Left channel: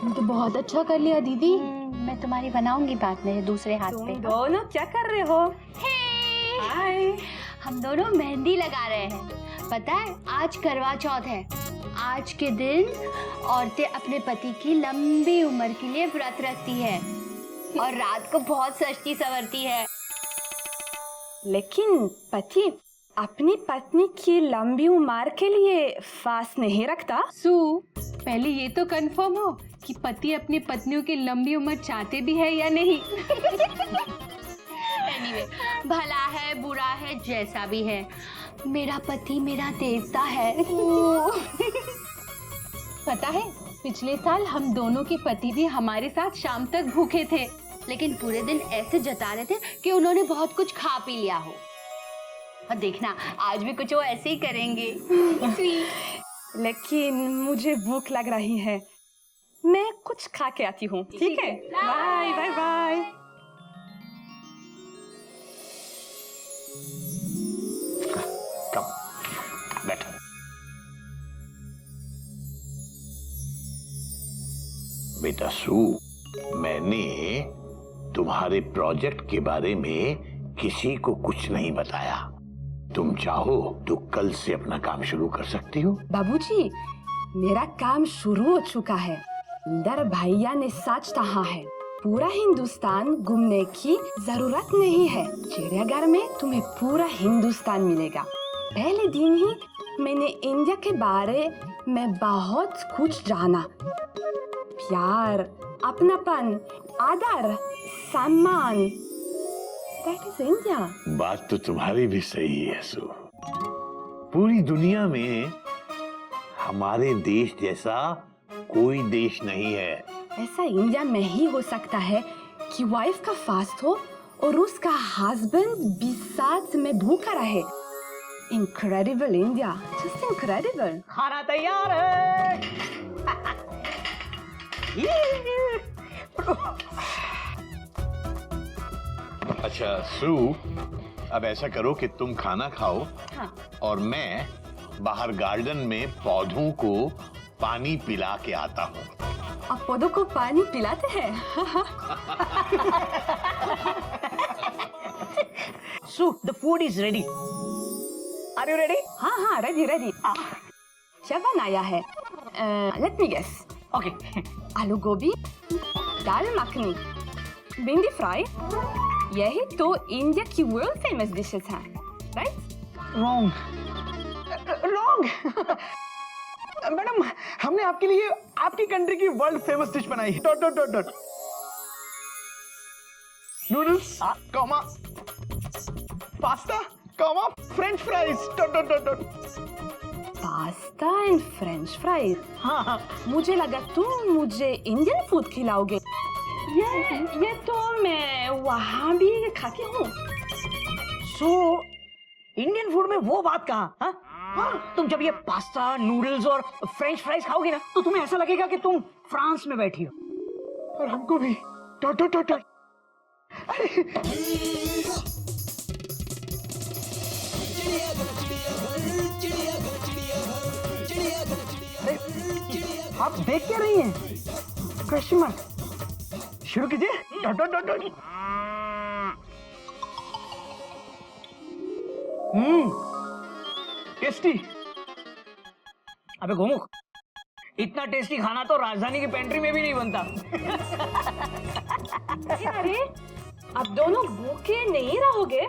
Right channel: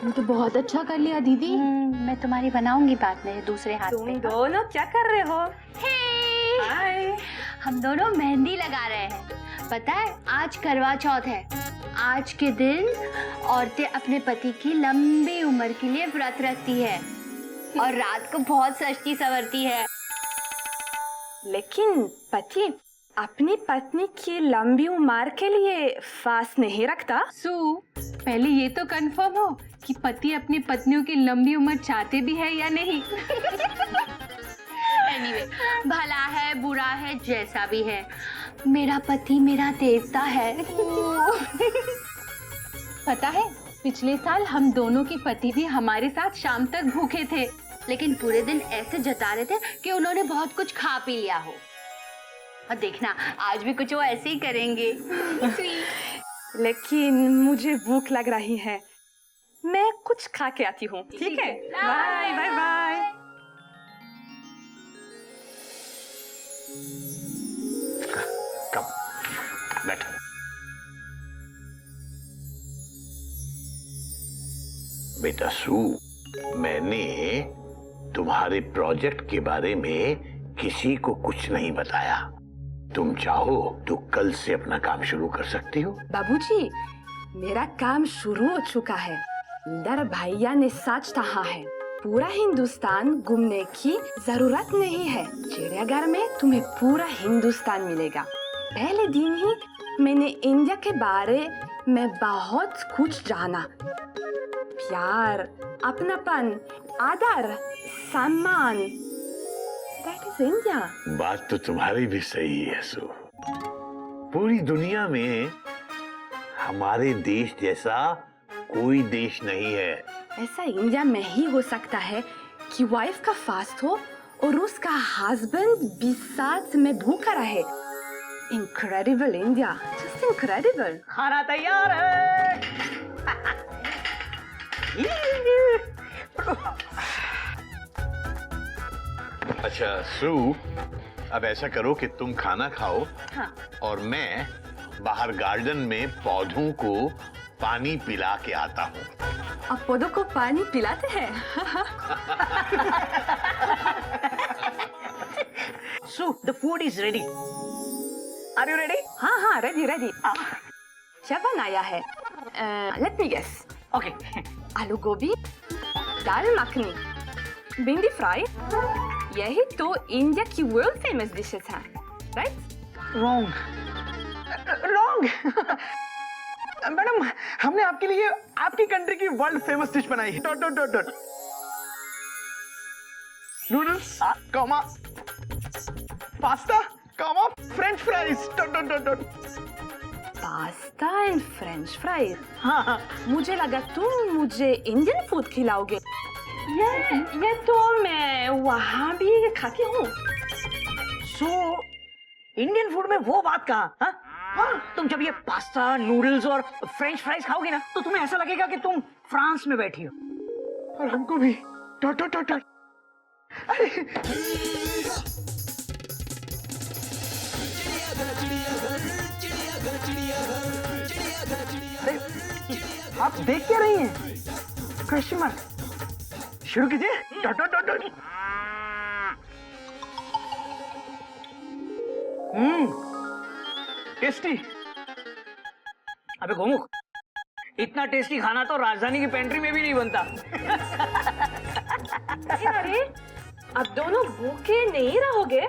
तुम तो बहुत अच्छा कर लिया दीदी। मैं तुम्हारी बनाऊंगी बाद में दूसरे हाथ पे। तुम दोनों क्या कर रहे हो? हाय, हम दोनों मेहंदी लगा रहे हैं। पता है आज करवा चौथ है। आज के दिन औरतें अपने पति की लंबी उम्र के लिए व्रत रखती है और रात को बहुत सजती संवरती है। लेकिन पति अपनी पत्नी की लंबी उम्र के लिए फास्ट नहीं रखता। सू, पहले ये तो कंफर्म हो कि पति अपनी पत्नियों की लंबी उम्र चाहते भी है या नहीं। Anyway, भला है बुरा है जैसा भी है, मेरा पति मेरा देवता है। पता है पिछले साल हम दोनों के पति भी हमारे साथ शाम तक भूखे थे, लेकिन पूरे दिन ऐसे जता रहे थे कि उन्होंने बहुत कुछ खा पी लिया हो। और देखना आज भी कुछ वो ऐसे ही करेंगे। लेकिन मुझे भूख लग रही है, मैं कुछ खा के आती हूँ। ठीक है, बाय बाय बाय। कम बैठो। बेटा सू, मैंने तुम्हारे प्रोजेक्ट के बारे में किसी को कुछ नहीं बताया। तुम चाहो तो कल से अपना काम शुरू कर सकती हो। बाबूजी, मेरा काम शुरू हो चुका है। इंदर भैया ने सच कहा है, पूरा हिंदुस्तान घूमने की जरूरत नहीं है। चिड़ियाघर में तुम्हें पूरा हिंदुस्तान मिलेगा। पहले दिन ही मैंने इंडिया के बारे में बहुत कुछ जाना। प्यार, अपनापन, आदर, सम्मान, That is India. बात तो तुम्हारी भी सही है सू। पूरी दुनिया में हमारे देश जैसा कोई देश नहीं है। ऐसा इंडिया में ही हो सकता है कि वाइफ का फास्ट हो और उसका हस्बैंड भी साथ में भूखा रहे। Incredible India, just incredible. खाना तैयार है। अच्छा सू, अब ऐसा करो कि तुम खाना खाओ। हाँ। और मैं बाहर गार्डन में पौधों को पानी पिला के आता हूँ। आप पौधों को पानी पिलाते हैं? Sue, the food is ready. Are you ready? हाँ हाँ, रेडी रेडी। क्या बनाया है? Let me guess. Okay. Aloo गोभी, दाल मखनी, भिंडी फ्राई, यही तो इंडिया की वर्ल्ड फेमस डिशेस हैं, राइट? Wrong. Wrong. मैडम, हमने आपके लिए आपकी कंट्री की वर्ल्ड फेमस डिश बनाई है। Dot dot dot dot. Noodles, comma, pasta, comma, French fries. Dot dot dot dot. Pasta and French fries. हाँ, मुझे लगा तुम मुझे इंडियन फूड खिलाओगे। ये तो मैं वहाँ भी खाती हूँ। सो इंडियन फूड में वो बात कहाँ? हाँ? हाँ, तुम जब ये पास्ता, नूडल्स और फ्रेंच फ्राइज खाओगी ना, तो तुम्हें ऐसा लगेगा कि तुम फ्रांस में बैठी हो। और हमको भी। Dot dot dot dot. अरे, आप देख क्या रही हैं? Question mark. शुरू कीजिए। Dot dot dot dot. Tasty. अबे गोमुख, इतना टेस्टी खाना तो राजधानी की पेंट्री में भी नहीं बनता। अरे, आप दोनों भूखे नहीं रहोगे?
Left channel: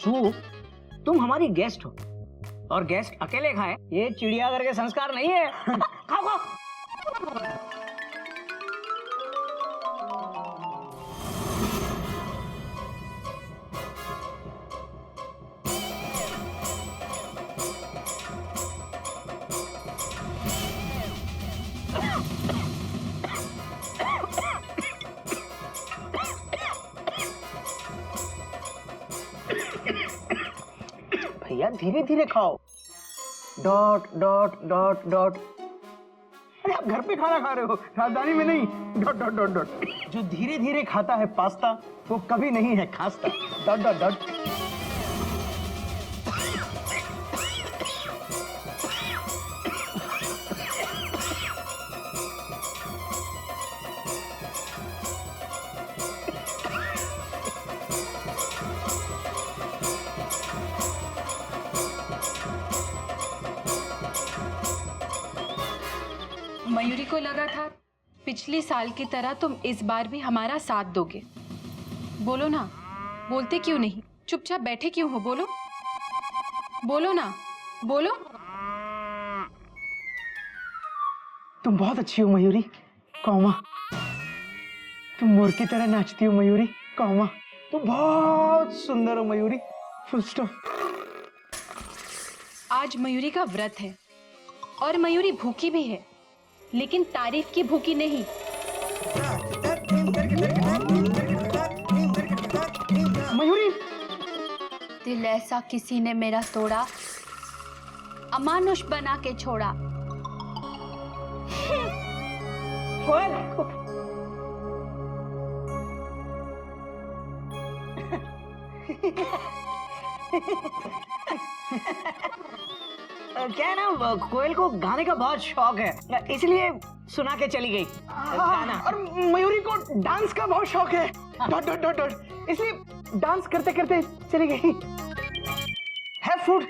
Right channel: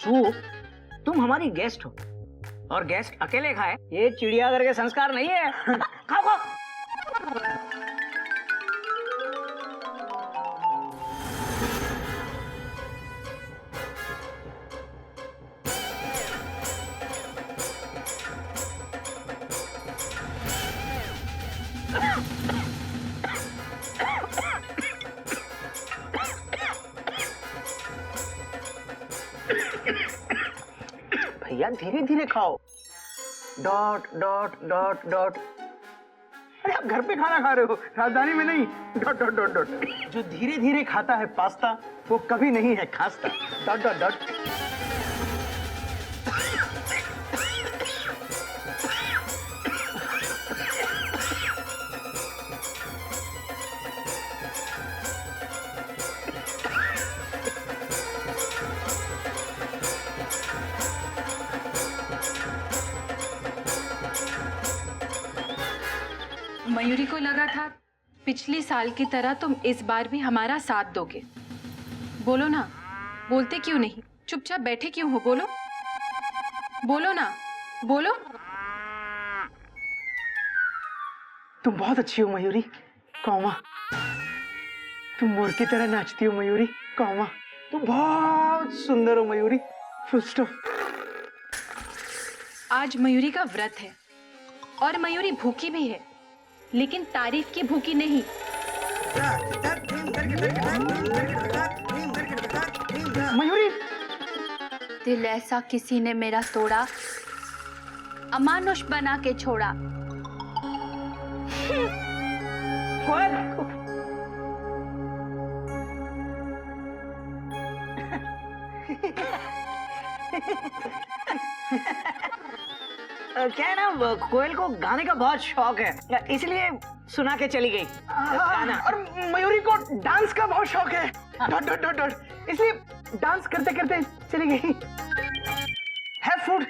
सू, तुम हमारी गेस्ट हो और गेस्ट अकेले खाए, ये चिड़ियाघर के संस्कार नहीं है। खाओ खाओ। भैया धीरे धीरे खाओ। Dot dot dot dot. अरे आप घर पे खाना खा रहे हो, राजधानी में नहीं। Dot dot dot dot. जो धीरे धीरे खाता है पास्ता, वो कभी नहीं है खास्ता। Dot dot dot. मयूरी को लगा था पिछली साल की तरह तुम इस बार भी हमारा साथ दोगे। बोलो ना, बोलते क्यों नहीं? चुपचाप बैठे क्यों हो? बोलो बोलो ना, बोलो। तुम बहुत अच्छी हो मयूरी, कौमा। तुम मोर की तरह नाचती हो मयूरी, कौमा। तुम बहुत सुंदर हो मयूरी, फुल स्टॉप। आज मयूरी का व्रत है और मयूरी भूखी भी है, लेकिन तारीफ की भूखी नहीं। मयूरी, दिल ऐसा किसी ने मेरा तोड़ा, अमानुष बना के छोड़ा। कोयल। क्या है ना, कोयल को गाने का बहुत शौक है, इसलिए सुना के चली गई गाना। और मयूरी को डांस का बहुत शौक है, डॉट डॉट डॉट डॉट, इसलिए डांस करते करते चली गई। Have food.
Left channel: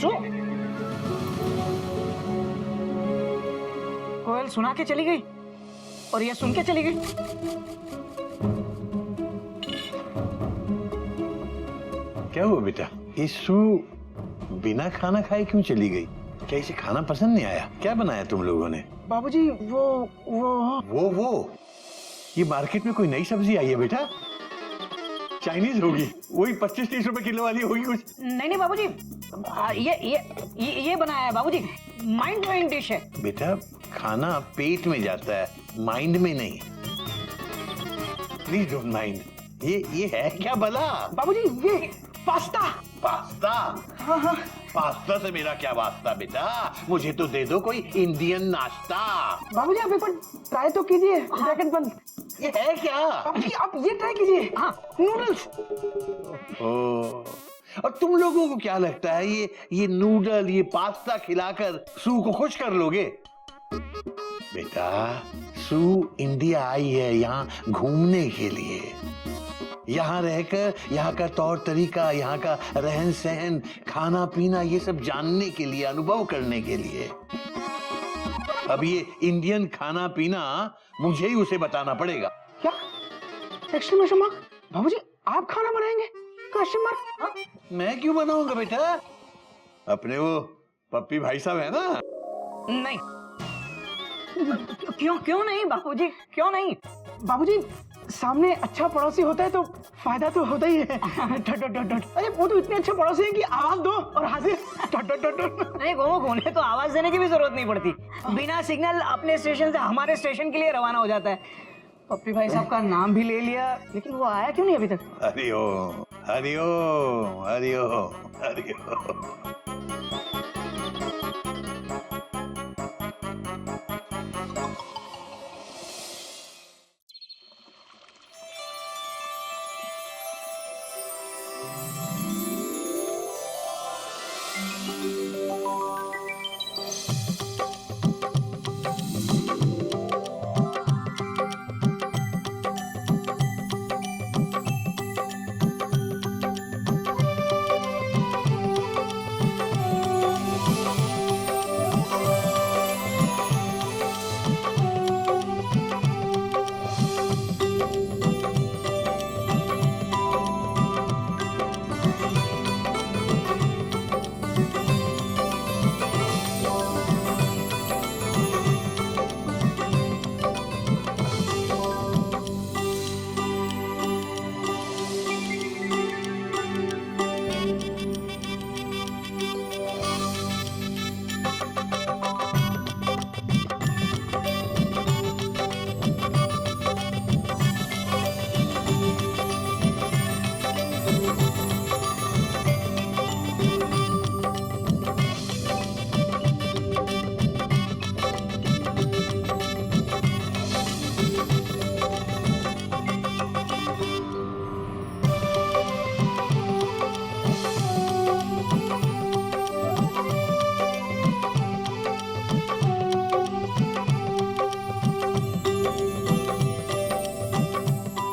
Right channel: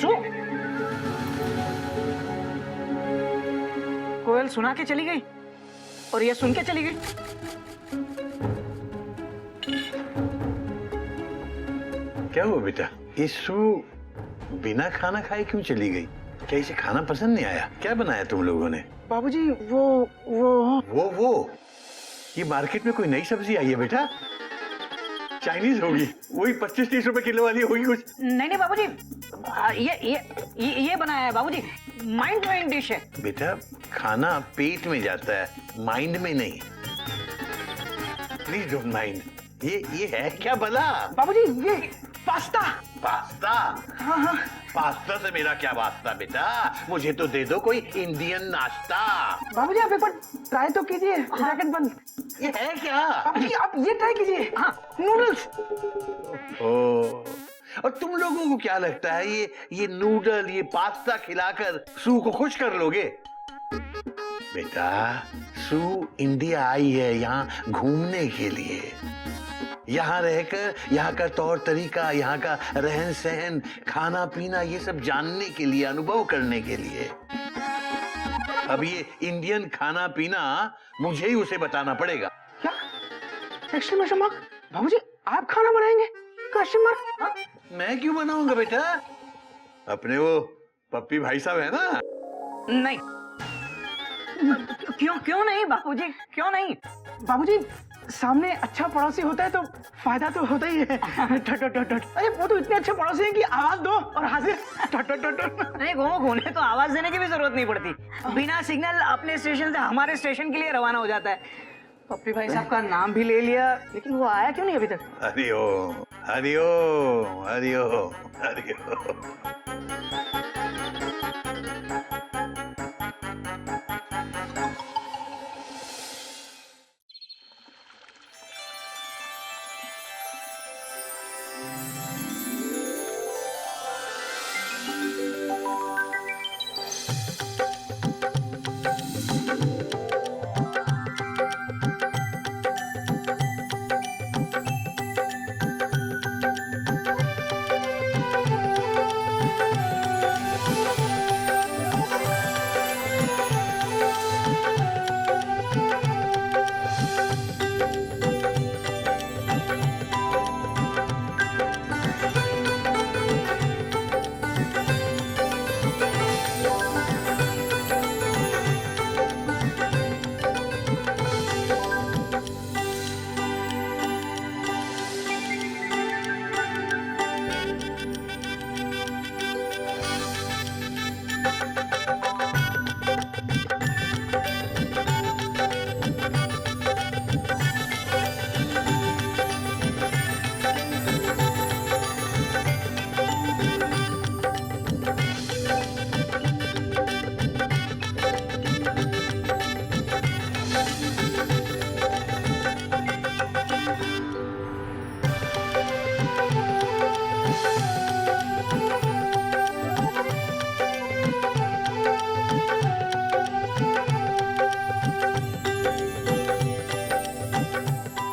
सो कोयल सुना के चली गई और ये सुन के चली गई। क्या हुआ बेटा? ये सू बिना खाना खाए क्यों चली गई? क्या इसे खाना पसंद नहीं आया? क्या बनाया तुम लोगों ने? बाबूजी वो ये मार्केट में कोई नई सब्जी आई है बेटा? चाइनीज होगी, वही 25-30 रुपए किलो वाली होगी कुछ। नहीं बाबूजी, ये बनाया है बाबूजी, माइंड ब्लोइंग डिश है। बेटा खाना पेट में जाता है, माइंड में नहीं। Please don't mind. ये है क्या भला? बाबूजी ये पास्ता। पास्ता? हाँ। पास्ता से मेरा क्या वास्ता बेटा? मुझे तो दे दो कोई इंडियन नाश्ता। बाबूजी आप एक बार ट्राई तो कीजिए। ब्रैकेट बंद। ये है क्या? बाबूजी आप ये ट्राई कीजिए। हाँ, नूडल्स। और तुम लोगों को क्या लगता है ये नूडल, ये पास्ता खिलाकर सू को खुश कर लोगे? बेटा सू इंडिया आई है यहाँ घूमने के लिए, यहाँ रहकर यहाँ का तौर तरीका, यहाँ का रहन सहन, खाना पीना, ये सब जानने के लिए, अनुभव करने के लिए। अब ये इंडियन खाना पीना मुझे ही उसे बताना पड़ेगा। क्या? Exclamation mark. बाबूजी आप खाना बनाएंगे? Question mark. हाँ? मैं क्यों बनाऊंगा बेटा? अपने वो पप्पी भाई साहब है ना? नहीं। क्यों नहीं बाबूजी, क्यों नहीं? बाबूजी सामने अच्छा पड़ोसी होता है तो फायदा तो होता ही है। Dot dot dot dot. अरे वो तो इतने अच्छे पड़ोसी हैं कि आवाज दो और हाजिर। Dot dot dot dot. नहीं गोमो, उन्हें तो आवाज देने की भी जरूरत नहीं पड़ती, बिना सिग्नल अपने स्टेशन से हमारे स्टेशन के लिए रवाना हो जाता है। पप्पी भाई साहब का नाम भी ले लिया, लेकिन वो आया क्यों नहीं अभी तक? हरिओम हरिओम हरिओम हरिओम।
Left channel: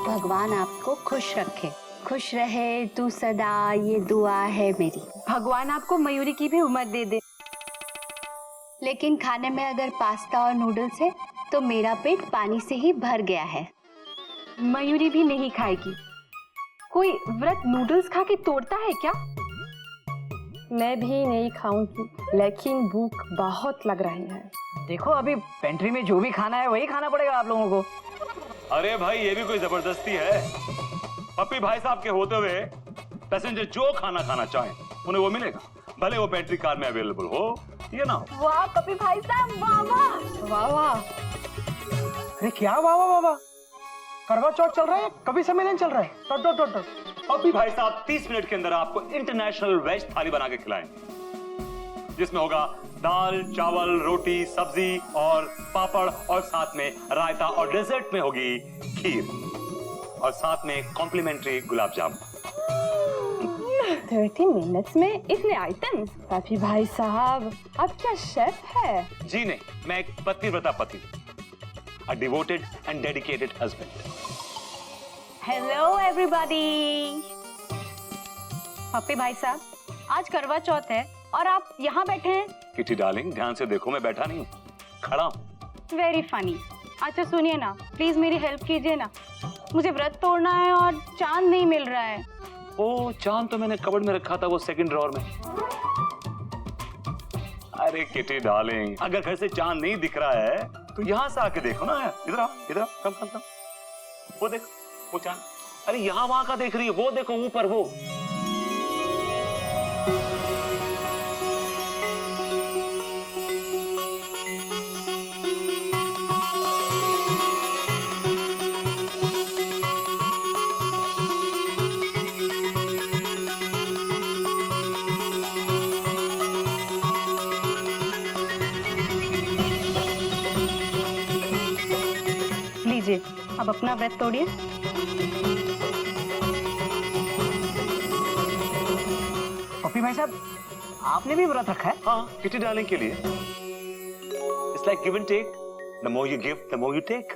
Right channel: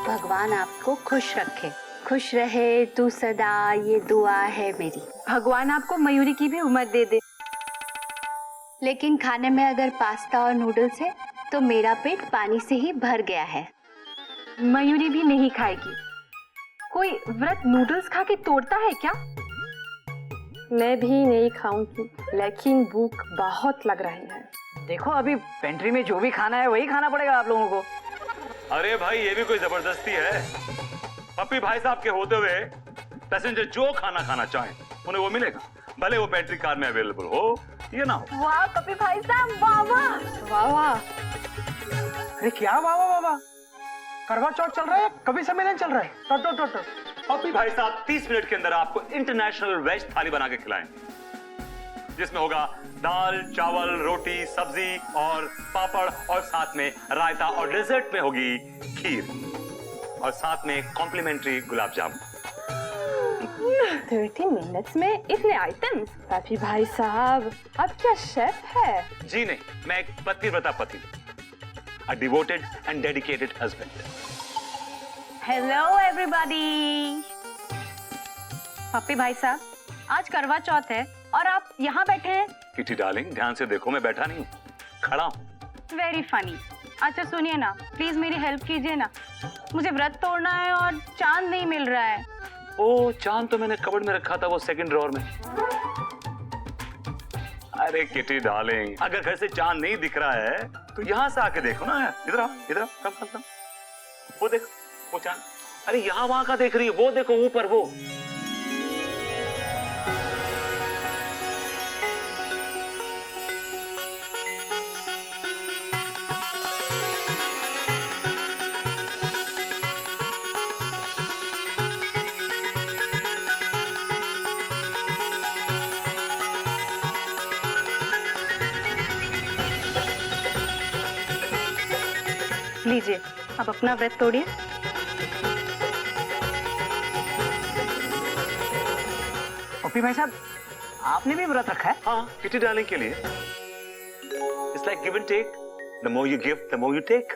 भगवान आपको खुश रखे, खुश रहे तू सदा, ये दुआ है मेरी। भगवान आपको मयूरी की भी उम्र दे दे। लेकिन खाने में अगर पास्ता और नूडल्स है तो मेरा पेट पानी से ही भर गया है। मयूरी भी नहीं खाएगी। कोई व्रत नूडल्स खा के तोड़ता है क्या? मैं भी नहीं खाऊंगी, लेकिन भूख बहुत लग रही है। देखो अभी पेंट्री में जो भी खाना है वही खाना पड़ेगा आप लोगों को। अरे भाई ये भी कोई जबरदस्ती है? पप्पी भाई साहब के होते हुए पैसेंजर जो खाना खाना चाहें उन्हें वो मिलेगा, भले वो पेंट्री कार में अवेलेबल हो या ना हो। वाह पप्पी भाई साहब, वाह वाह वाह वाह। अरे क्या वाह वाह वाह वाह, करवा चौथ चल रहा है, कभी सम्मेलन चल रहा है। Dot dot dot dot. Pappi भाई साहब 30 मिनट के अंदर आपको इंटरनेशनल वेज थाली बना के खिलाएंगे, जिसमें होगा दाल, चावल, रोटी, सब्जी और पापड़, और साथ में रायता, और डेजर्ट में होगी खीर, और साथ में कॉम्प्लीमेंट्री गुलाब जामुन। 30 मिनट्स में इतने आइटम्स? पपी भाई साहब, आप क्या शेफ है? जी नहीं, मैं एक पतिव्रता पति, a devoted and dedicated husband. Hello everybody. Pappi भाई साहब, आज करवा चौथ है और आप यहाँ बैठे हैं। किटी डार्लिंग, ध्यान से देखो, मैं बैठा नहीं हूँ, खड़ा हूँ। Very funny. अच्छा सुनिए ना, प्लीज मेरी हेल्प कीजिए ना, मुझे व्रत तोड़ना है और चांद नहीं मिल रहा है। ओ, चांद तो मैंने कबर्ड में रखा था, वो सेकंड ड्रॉअर में। अरे किटी डार्लिंग, अगर घर से चांद नहीं दिख रहा है तो यहाँ से आके देखो ना। इधर आओ, इधर आओ, कम कम कम। वो देखो, वो चांद। अरे यहाँ वहां का देख रही है, वो देखो ऊपर वो। लीजिए, अब अपना व्रत तोड़िए। पप्पी भाई साहब, आपने भी व्रत रखा है? हाँ, किटी डार्लिंग के लिए। It's like give and take, the more you give the more you take.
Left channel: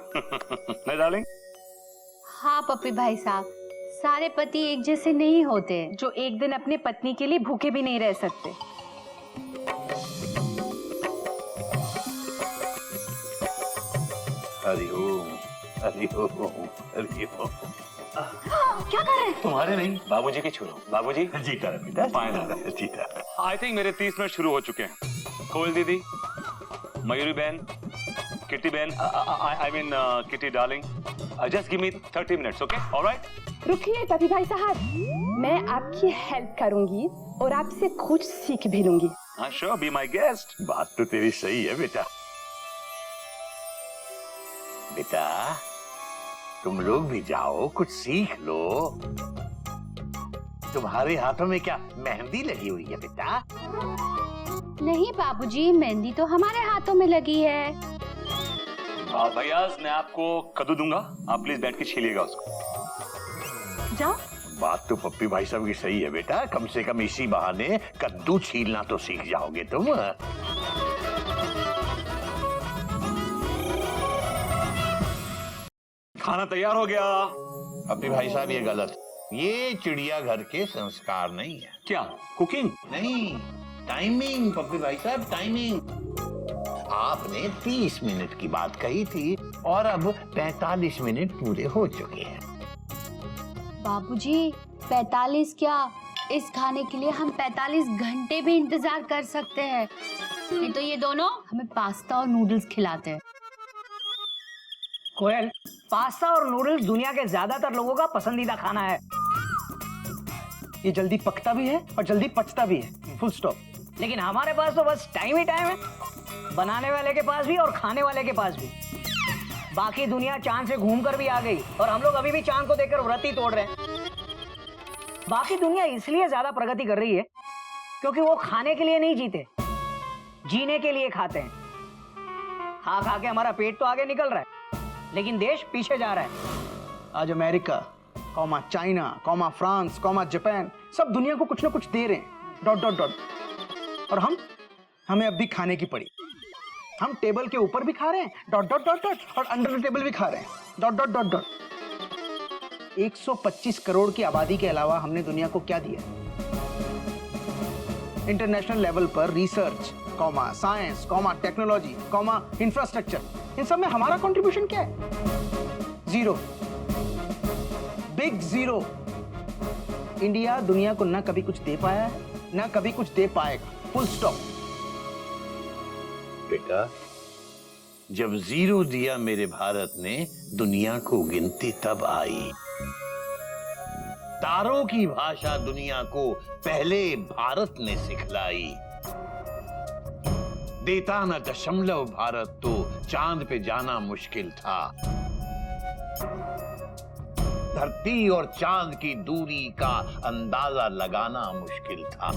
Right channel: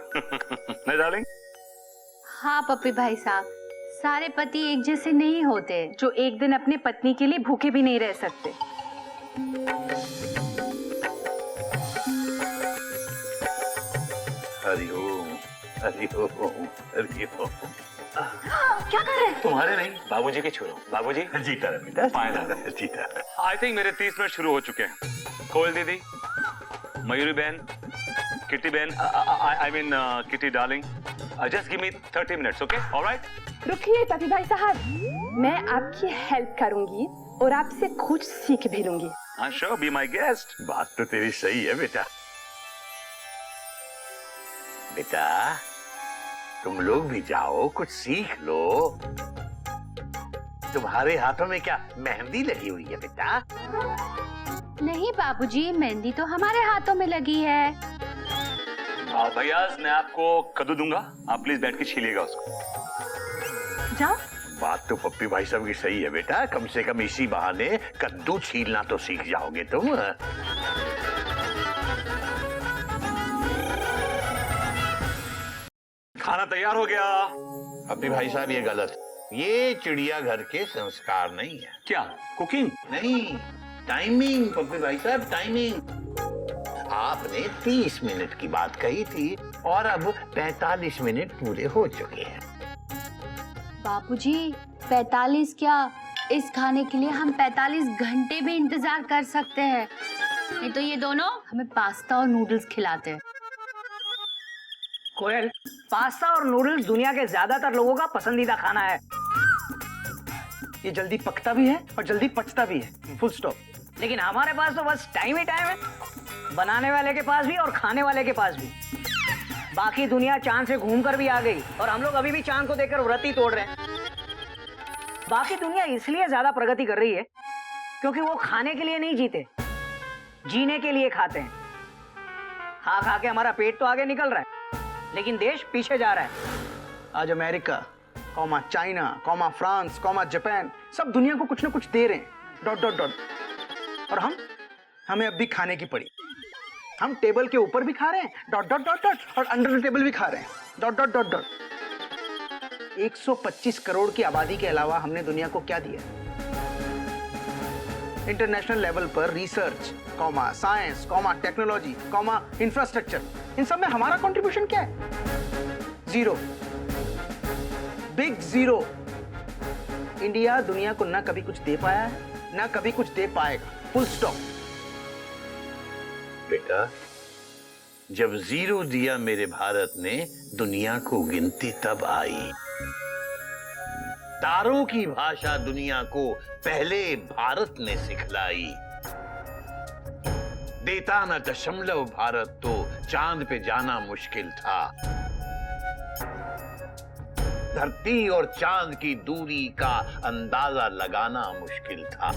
ना डार्लिंग? हाँ पप्पी भाई साहब, सारे पति एक जैसे नहीं होते। जो एक दिन अपने पत्नी के लिए भूखे भी नहीं रह सकते। हरिओम हरिओम हरिओम। क्या कर रहे हैं? तुम्हारे नहीं, बाबूजी के छू रहा हूं। बाबूजी जीता रहा बेटा, फाइनल। जीता। आई थिंक मेरे 30 मिनट शुरू हो चुके हैं। कोयल दीदी, मयूरी बहन, किटी बहन, I mean kitty darling, just give me 30 minutes, okay? Alright? रुकिए पपी भाई साहब, मैं आपकी हेल्प करूंगी और आपसे कुछ सीख भी लूंगी। हाँ श्योर, बी माय गेस्ट। बात तो तेरी सही है बेटा। बेटा तुम लोग भी जाओ, कुछ सीख लो। तुम्हारे हाथों में क्या मेहंदी लगी हुई है बेटा? नहीं बाबूजी, मेहंदी तो हमारे हाथों में लगी है। भैया मैं आपको कद्दू दूंगा, आप प्लीज बैठ के छीलिएगा उसको। जाओ। बात तो पप्पी भाई साहब की सही है बेटा, कम से कम इसी बहाने कद्दू छीलना तो सीख जाओगे तुम। खाना तैयार हो गया। पप्पी भाई साहब ये गलत, ये चिड़ियाघर के संस्कार नहीं है। क्या कुकिंग? नहीं, टाइमिंग पप्पी भाई साहब, टाइमिंग। आपने 30 मिनट की बात कही थी और अब 45 मिनट पूरे हो चुके हैं। बाबूजी 45 क्या, इस खाने के लिए हम 45 घंटे भी इंतजार कर सकते हैं। नहीं तो ये दोनों हमें पास्ता और नूडल्स खिलाते हैं। कोयल, पास्ता और नूडल्स दुनिया के ज्यादातर लोगों का पसंदीदा खाना है। ये जल्दी पकता भी है और जल्दी पचता भी है, फुल स्टॉप। लेकिन हमारे पास तो बस टाइम ही टाइम है, बनाने वाले के पास भी और खाने वाले के पास भी। बाकी दुनिया चांद से घूमकर भी आ गई और हम लोग अभी भी चांद को देखकर व्रत ही तोड़ रहे हैं। बाकी दुनिया इसलिए ज्यादा प्रगति कर रही है क्योंकि वो खाने के लिए नहीं जीते, जीने के लिए खाते हैं। खा खा के हमारा पेट तो आगे निकल रहा है, लेकिन देश पीछे जा रहा है। आज America, comma China, comma France, comma Japan, सब दुनिया को कुछ ना कुछ दे रहे हैं, डॉट डॉट डॉट। और हमें अब भी खाने की पड़ी। हम टेबल के ऊपर भी खा रहे हैं, डॉट डॉट डॉट डॉट, और अंडर द टेबल भी खा रहे हैं, dot dot dot dot. 125 crore की आबादी के अलावा हमने दुनिया को क्या दिया? इंटरनेशनल लेवल पर research, comma science, comma technology, comma infrastructure, इन सब में हमारा कंट्रीब्यूशन क्या है? Zero, big zero. इंडिया दुनिया को ना कभी कुछ दे पाया है, ना कभी कुछ दे पाएगा। Full stop. बेटा, जब जीरो दिया मेरे भारत ने, दुनिया को गिनती तब आई। तारों की भाषा दुनिया को पहले भारत ने सिखलाई। देता न दशमलव भारत तो चांद पे जाना मुश्किल था। धरती और चांद की दूरी का अंदाजा लगाना मुश्किल था।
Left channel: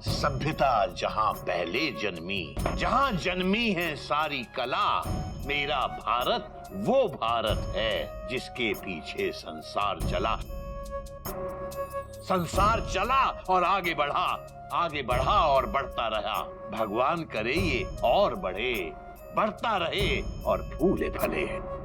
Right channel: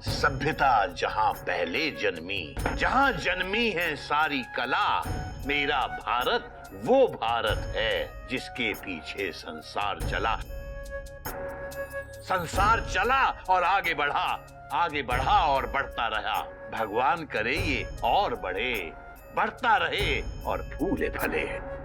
सभ्यता जहां पहले जन्मी, जहां जन्मी है सारी कला, मेरा भारत वो भारत है जिसके पीछे संसार चला। संसार चला और आगे बढ़ा, आगे बढ़ा और बढ़ता रहा। भगवान करे ये और बढ़े, बढ़ता रहे और फूले फले।